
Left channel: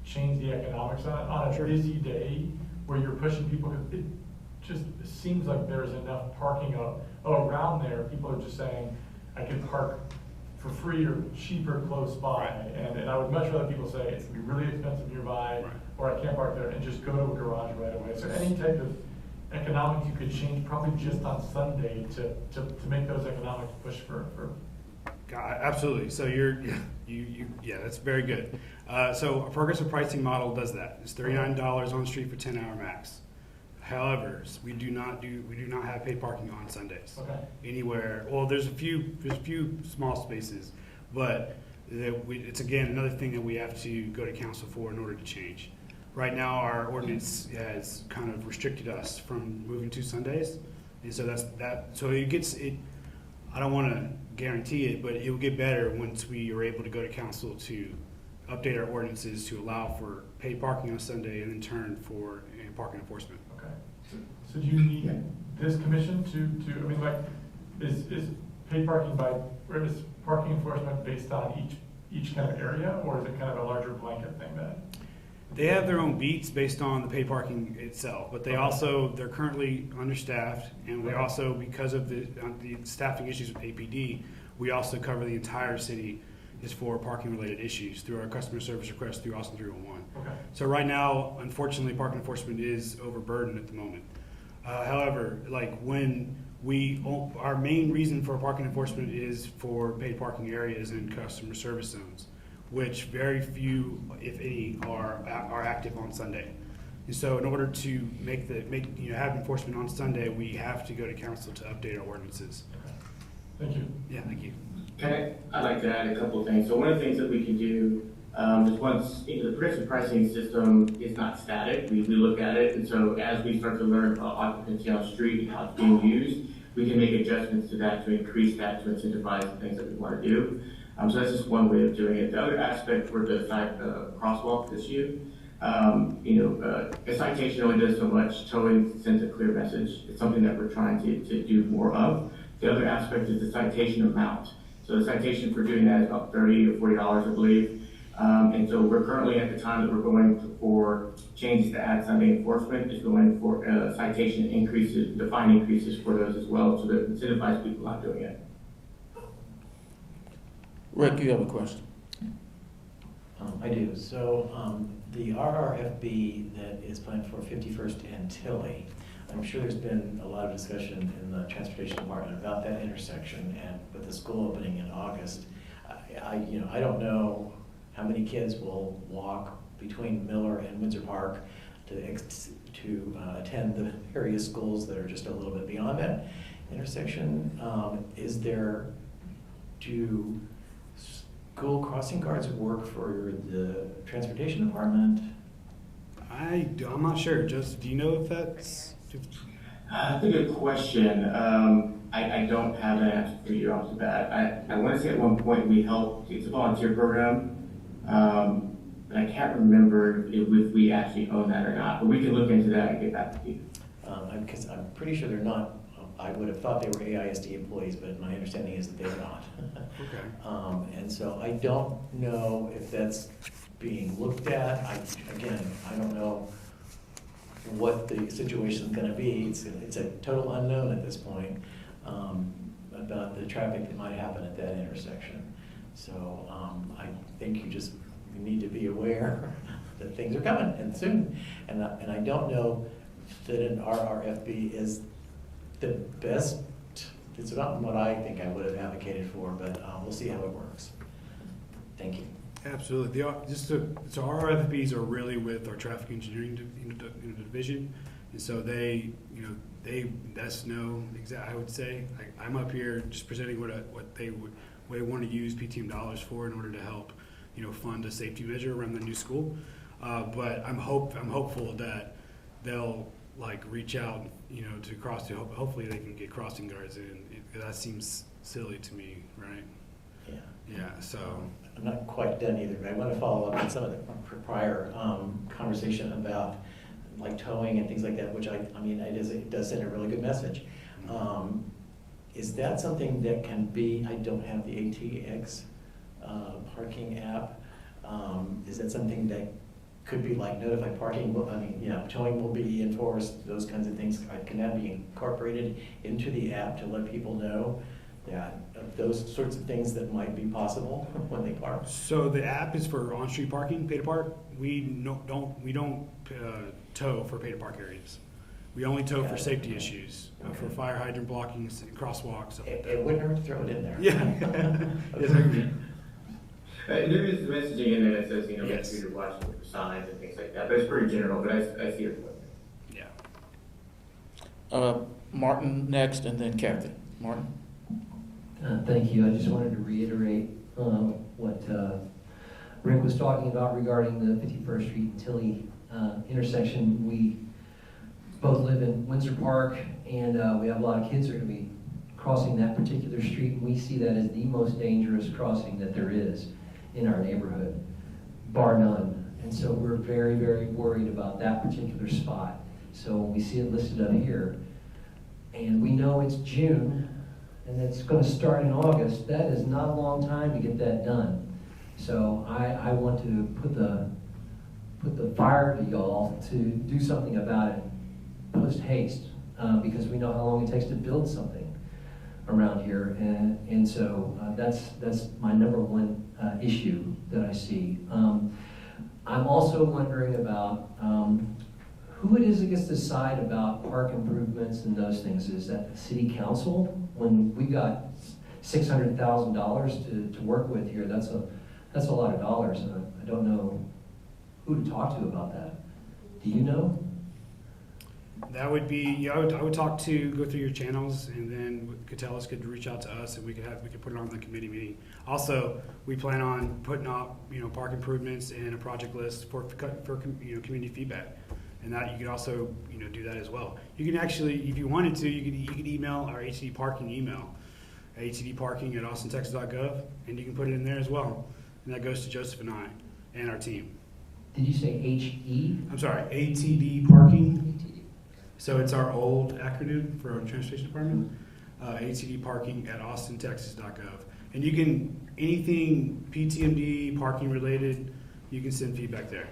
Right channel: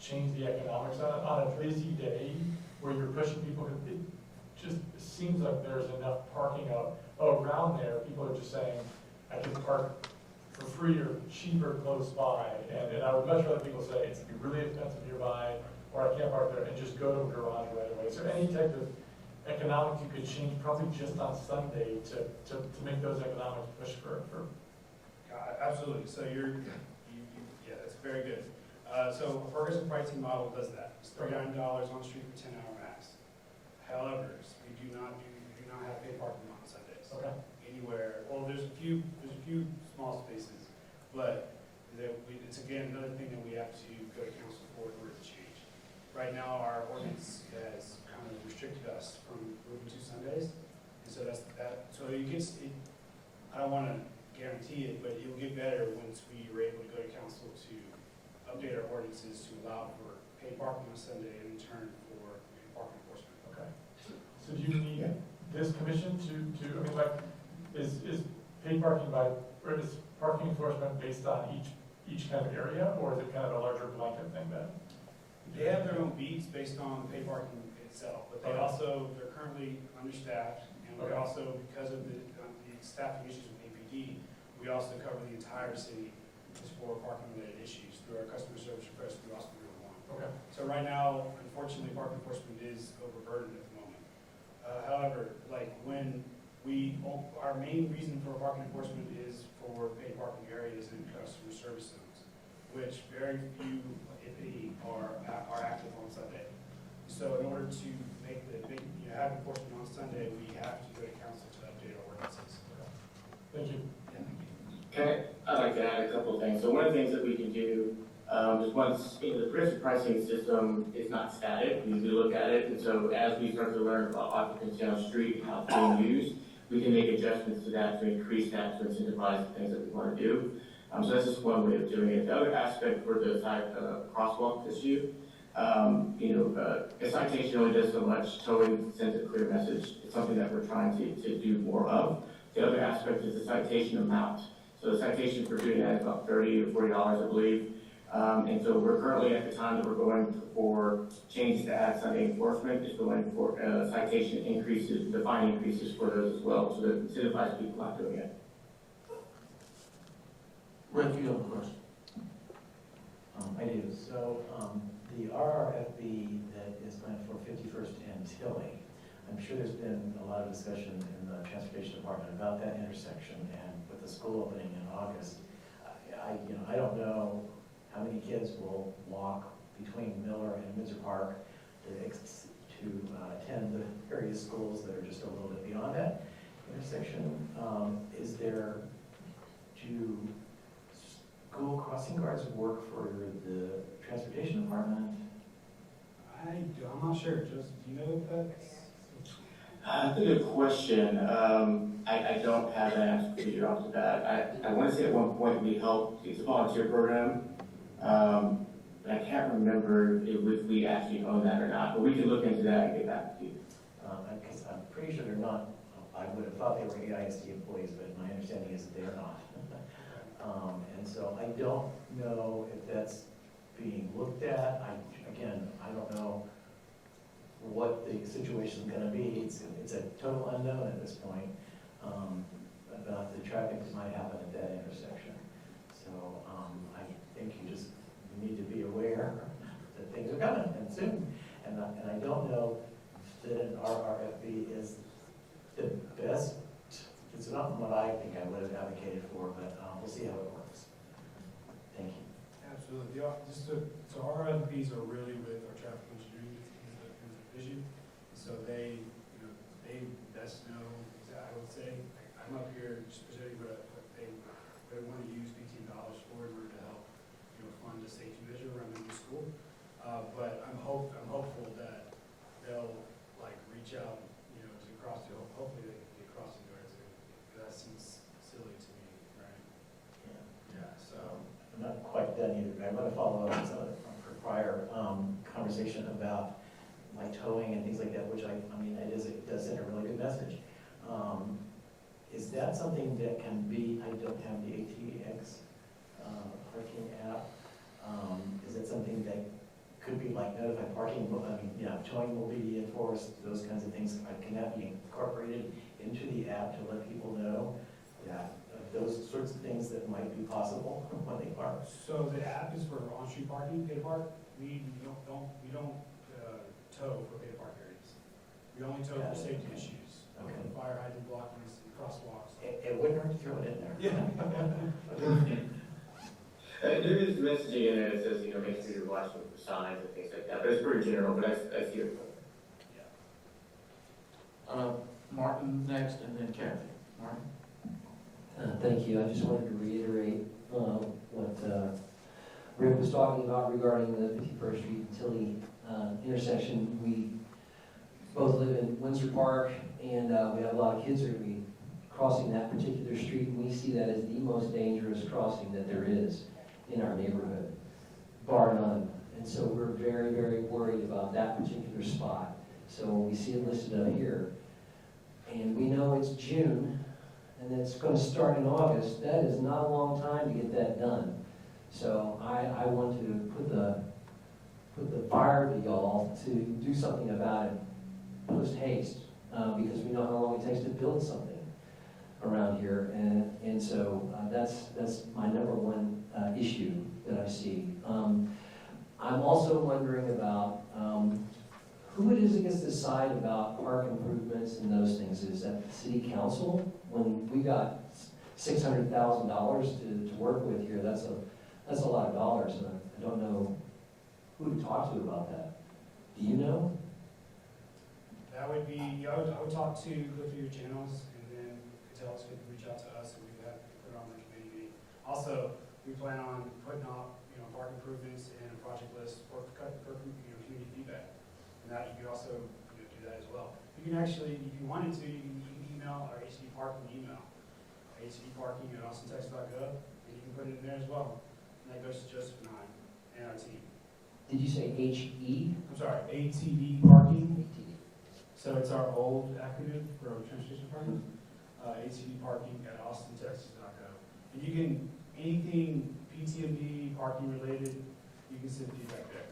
change the economics on a busy day where you're pushing people? It just seems like there's enough parking out around there. People are just saying, I can park for free or cheaper close by. And I would much rather people say, it's really expensive nearby, or I can't park there, and just go to a garage right away. So any type of economics you could change, probably just on Sunday to make those economics push for Absolutely. So yeah, that's very good. So a progressive pricing model does that. It's $39 on the street for 10-hour max. However, we do not have paid parking on Sundays anywhere. Well, there's a few small spaces, but it's again another thing that we have to go to council for in order to change. Right now, our ordinance has kind of restricted us from moving to Sundays, and so that's that. So it gets it. I don't want to guarantee it, but it will get better once we are able to go to council to update our ordinances to allow for paid parking on Sunday and in turn for parking enforcement. So do you need this commission I mean, like, is paid parking or is parking enforcement based on each kind of area, or is it kind of a larger blanket thing then? They have their own beats based on the paid parking itself, but they're currently understaffed, and we also, because of the staffing issues with APD, we also cover the entire city is for parking related issues through our customer service requests through Austin 301. So right now, unfortunately, parking enforcement is overburdened at the moment. However, like our main reason for parking enforcement is for paid parking areas and customer service zones, which very few, if any, are active on Sunday. And so in order to have enforcement on Sunday, we have to go to council to update our ordinances. Thank you. Yeah, thank you. Can I add a couple of things? So one of the things that we can do is once the progressive pricing system is not static, we look at it, and so as we start to learn about occupancy on the street, how it's being used, we can make adjustments to that to increase that, to incentivize the things that we want to do. So that's just one way of doing it. The other aspect for the crosswalk issue, a citation only does so much, totally sends a clear message. It's something that we're trying to do more of. The other aspect is the citation amount. So the citation for doing that is about $30 to $40, I believe. And so we're currently at the time that we're going for change to add Sunday enforcement, is going for citation increases, the fine increases for those as well, so to incentivize people not doing it. Rick, you have a question? I do. So the RRFB that is planned for 51st and Tilly, I'm sure there's been a lot of discussion in the transportation department about that intersection, and with the school opening in August, I don't know how many kids will walk between Miller and Windsor Park to attend the various schools that are just a little bit beyond that intersection. Do school crossing guards work for the transportation department? I'm not sure. Joseph, do you know if that's? Good question. I don't have an answer to be honest with that. I want to say at one point we helped a volunteer program. And I can't remember if we actually own that or not, but we can look into that and get back to you. Because I'm pretty sure they're not, I would have thought they were AISD employees, but my understanding is that they're not. Okay. And so I don't know if that's being looked at. I don't know what the situation is going to be. It's a total unknown at this point about the traffic that might happen at that intersection. So I think you just need to be aware that things are coming and soon. And I don't know that an RRFB is the best. It's not what I think I would have advocated for, but we'll see how it works. Thank you. Absolutely. So our RFPs are really with our traffic engineering division, and so they best know exactly. I would say I'm up here just presenting what they want to use PTM dollars for in order to help fund a safety measure around the new school. But I'm hopeful that they'll reach out to cross. Hopefully they can get crossing guards in. That seems silly to me, right? Yeah. Yeah. So. I'm not quite done either. I want to follow up on some of the prior conversation about towing and things like that, which it does send a really good message. Is that something that can be? I don't have the ATX parking app. Is that something that could be notified parking? Towing will be enforced. Those kinds of things. Can that be incorporated into the app to let people know that those sorts of things that might be possible when they park? So the app is for on-street parking, pay to park. We don't tow for pay to park areas. We only tow for safety issues, like for fire hydrant blocking and crosswalks. So. It wouldn't hurt to throw it in there. Yeah. There is messaging in it that says, make Yes. sure you're watching the signs and things like that. That's pretty general, but I see it. Yeah. Martin next, and then Kathy. Martin? Thank you. I just wanted to reiterate what Rick was talking about regarding the 51st Street Tilly intersection. We both live in Windsor Park, and we have a lot of kids that are going to be crossing that particular street, and we see that as the most dangerous crossing that there is in our neighborhood, bar none. And so we're very, very worried about that particular spot. So when we see it listed up here, and we know it's June, and it's going to start in August, that is not a long time to get that done. So I want to put the fire to y'all to do something about it post haste, because we know how long it takes to build something around here, and so that's my number one issue that I see. I'm also wondering about who it is that gets to decide about park improvements and those things. Is that the city council? When we got $600,000 to work with here, that's a lot of dollars, and I don't know who to talk to about that. Do you know? That would be, yeah, I would talk to, go through your channels, and then Catellis could reach out to us, and we could put it on the committee meeting. Also, we plan on putting up, park improvements and a project list for community feedback. And that you can also, do that as well. You can actually, if you wanted to, you could email our HCD parking email, htdparking@austintexas.gov, and you can put it in there as well. And that goes to Joseph and I and our team. Did you say HE? I'm sorry, ATD parking. So it's our old acronym for our transportation department, atdparking@austintexas.gov. And you can, anything PTMD, parking related, you can send feedback there.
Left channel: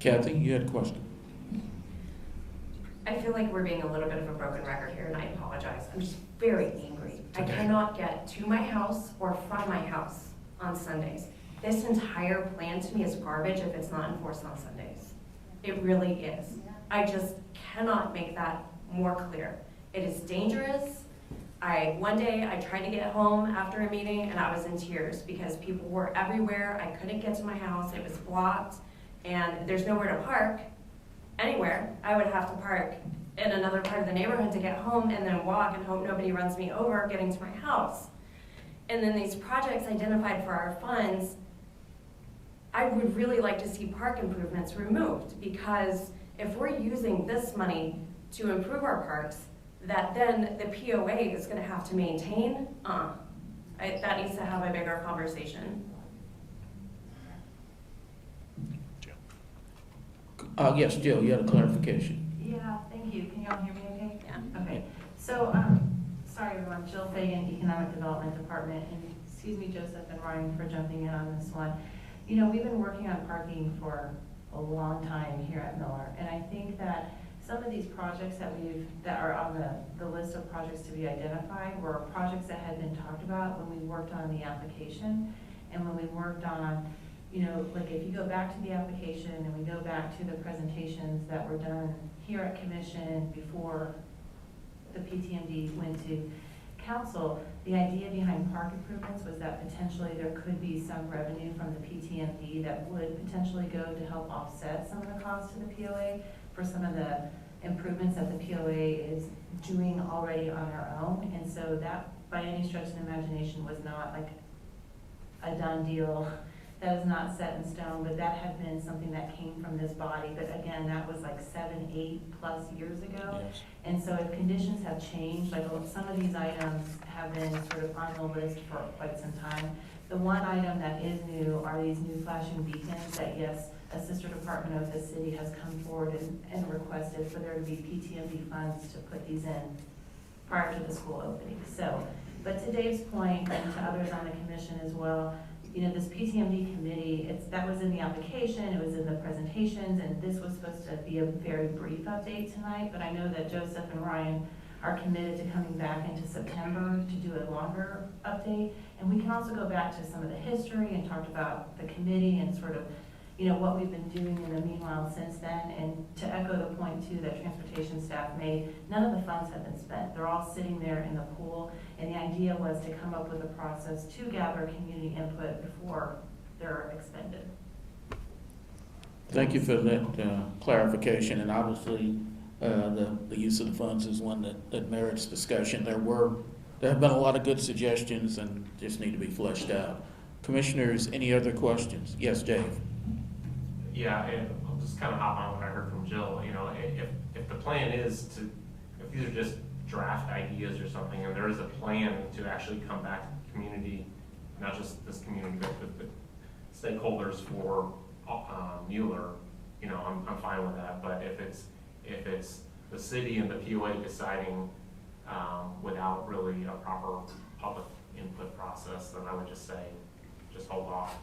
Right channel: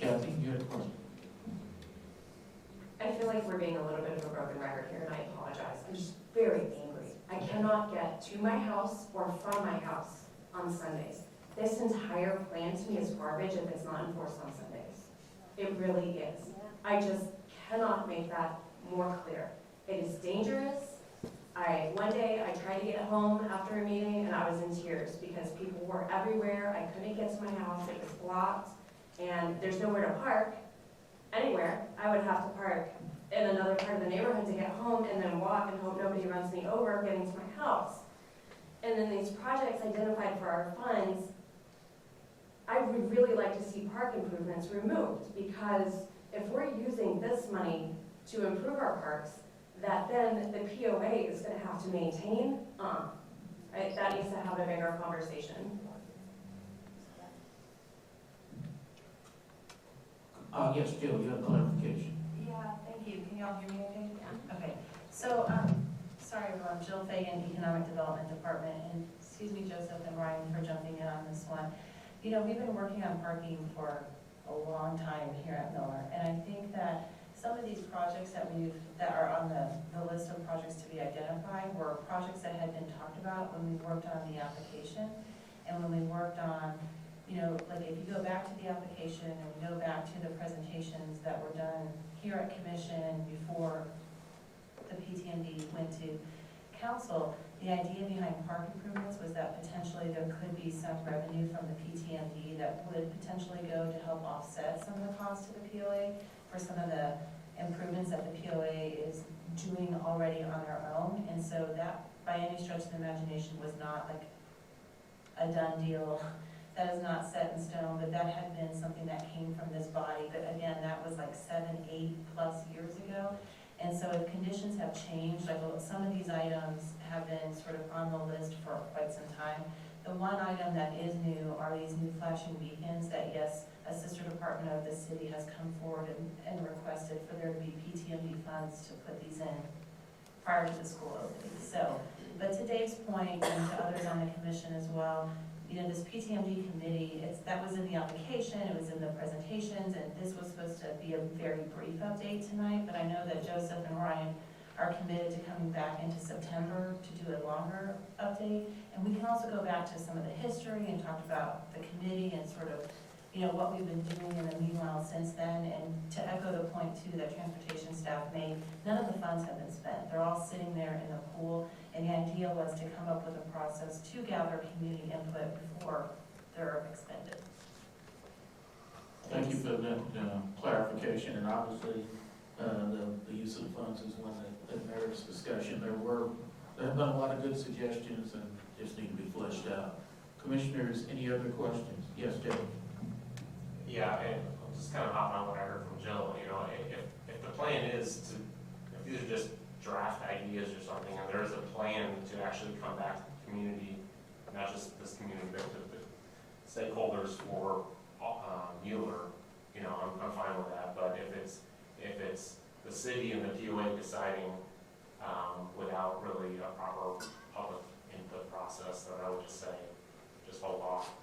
Kathy, you had a question? I feel like we're being a little bit of a broken record here, and I apologize. I'm just very angry. I cannot get to my house or from my house on Sundays. This entire plan to me is garbage if it's not enforced on Sundays. It really is. I just cannot make that more clear. It is dangerous. One day I tried to get home after a meeting and I was in tears because people were everywhere. I couldn't get to my house. It was blocked. And there's nowhere to park anywhere. I would have to park in another part of the neighborhood to get home and then walk and hope nobody runs me over getting to my house. And then these projects identified for our funds, I would really like to see park improvements removed, because if we're using this money to improve our parks, that then the POA is going to have to maintain, that needs to have a bigger conversation. Yes, Jill, you had a clarification. Yeah, thank you. Can you all hear me okay? Okay. So, sorry, everyone. Jill Fay in Economic Development Department, and excuse me, Joseph and Ryan, for jumping in on this one. We've been working on parking for a long time here at Mueller, and I think that some of these projects that are on the list of projects to be identified were projects that had been talked about when we worked on the application, and when we worked on, like if you go back to the application and we go back to the presentations that were done here at commission and before the PTND went to council, the idea behind park improvements was that potentially there could be some revenue from the PTND that would potentially go to help offset some of the costs to the POA for some of the improvements that the POA is doing already on our own. And so that, by any stretch of the imagination, was not like a done deal. That is not set in stone, but that had been something that came from this body. But again, that was like 7, 8+ years ago. Yes. And so conditions have changed. Like some of these items have been sort of on the list for quite some time. The one item that is new are these new flashing beacons that, yes, a sister department of the city has come forward and requested for there to be PTND funds to put these in prior to the school opening. So, but today's point, and others on the commission as well, this PTMD committee, that was in the application, it was in the presentations, and this was supposed to be a very brief update tonight, but I know that Joseph and Ryan are committed to coming back into September to do a longer update. And we can also go back to some of the history and talk about the committee and sort of you know, what we've been doing in the meanwhile since then. And to echo the point too that transportation staff made, none of the funds have been spent. They're all sitting there in the pool. And the idea was to come up with a process to gather community input before they're expended. Thank you for that clarification, and obviously, the use of the funds is one that merits discussion. There have been a lot of good suggestions and just need to be fleshed out. Commissioners, any other questions? Yes, Dave? Yeah, I'll just kind of hop on what I heard from Jill, you know, if the plan is to, if these are just draft ideas or something, and there is a plan to actually come back to the community, not just this community, but the stakeholders for Mueller, you know, I'm fine with that, but if it's the city and the PIAC deciding without really a proper public input process, then I would just say, just hold off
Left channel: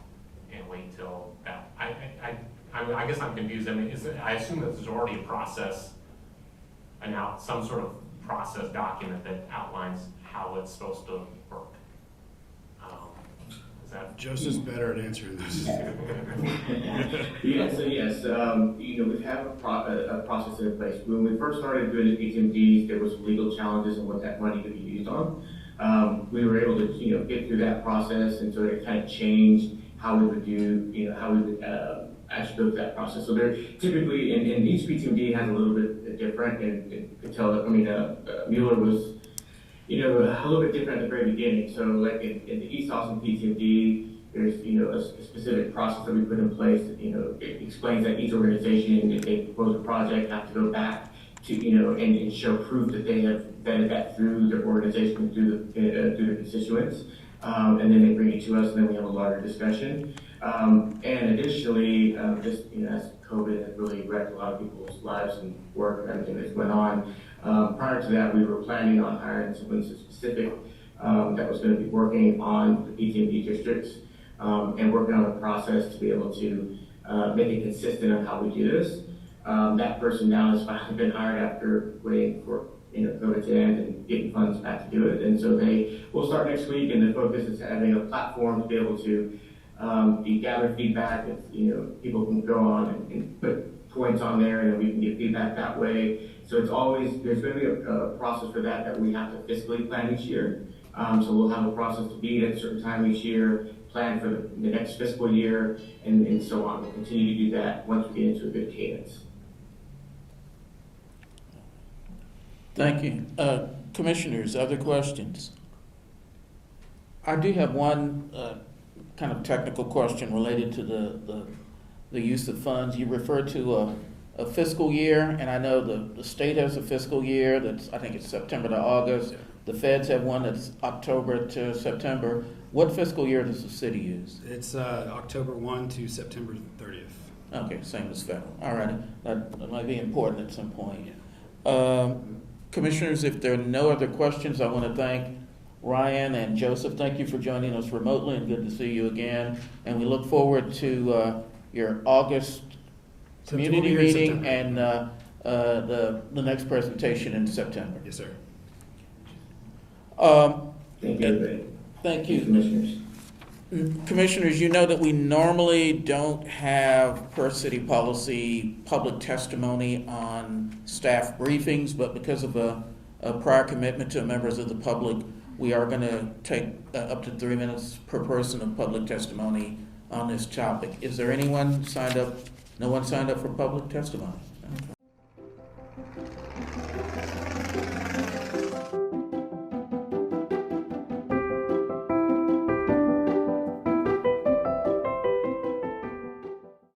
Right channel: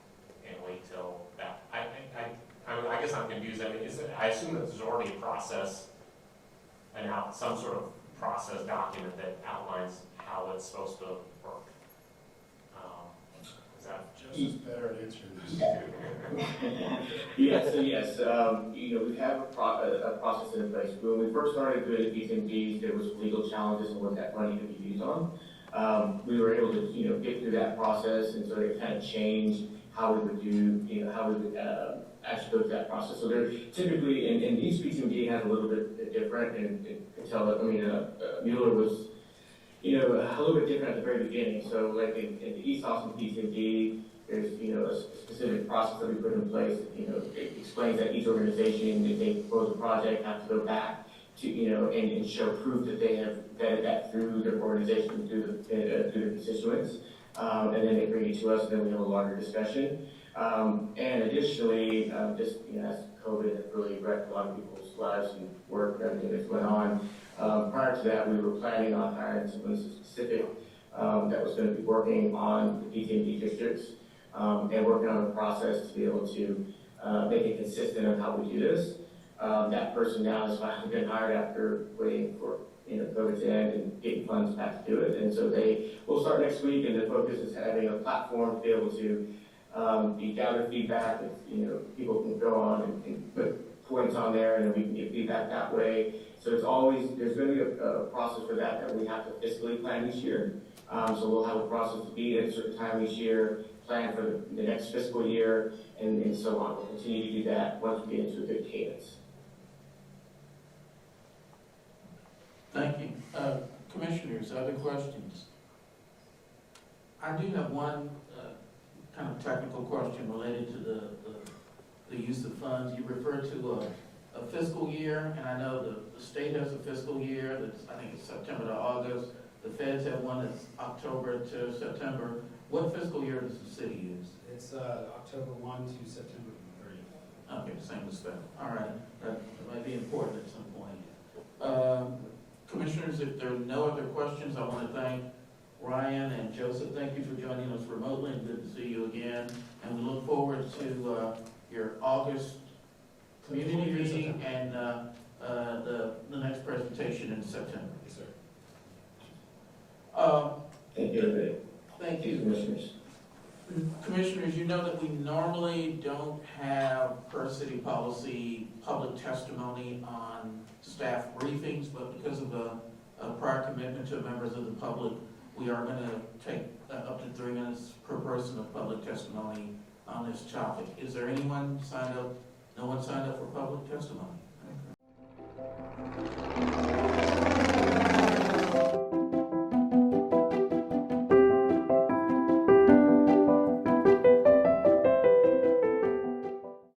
and wait till that. I guess I'm confused. I mean, I assume that there's already a process and now some sort of process document that outlines how it's supposed to work. Is that? Joseph's better at answering this. Yes, you know, we have a process in place. When we first started doing ECMGs, there was legal challenges on what that money could be used on. We were able to, you know, get through that process and sort of kind of change how we would do, you know, how we would actually that process. So there typically, and each ECMG has a little bit different, and so, I mean, Mueller was, you know, a little bit different at the very beginning. So like in ESOS and PCG, there's, you know, a specific process that we put in place, you know, it explains that each organization, if they propose a project, have to go back to, you know, and show proof that they have vetted that through their organization, through the constituents. And then they bring it to us, and then we have a larger discussion. And additionally, just, you know, as COVID has really wrecked a lot of people's lives and work that went on, prior to that, we were planning on hiring someone specific that was going to be working on the PCMD districts and working on the process to be able to make it consistent of how we do this. That person now is finally been hired after waiting for, you know, COVID to end and getting funds back to do it. And so they will start next week, and the focus is having a platform to be able to gather feedback. If, you know, people can go on and put points on there, and we get feedback that way. So there's going to be a process for that we have to fiscally plan each year. So we'll have a process to be at a certain time each year, plan for the next fiscal year, and so on. We'll continue to do that once we get into a good cadence. Thank you. Commissioners, other questions? I do have one kind of technical question related to the use of funds. You referred to a fiscal year, and I know the state has a fiscal year that's, I think it's September to August. The feds have one that's October to September. What fiscal year does the city use? It's October 1 to September 30th. Okay, same as federal. All right, that might be important at some point. Commissioners, if there are no other questions, I want to thank Ryan and Joseph. Thank you for joining us remotely, and good to see you again. And we look forward to your August community meeting and the next presentation in September. Yes, sir. Thank you. Commissioners, you know that we normally don't have per city policy public testimony on staff briefings, but because of a prior commitment to members of the public, we are going to take up to 3 minutes per person of public testimony on this topic. Is there anyone signed up? No one signed up for public testimony?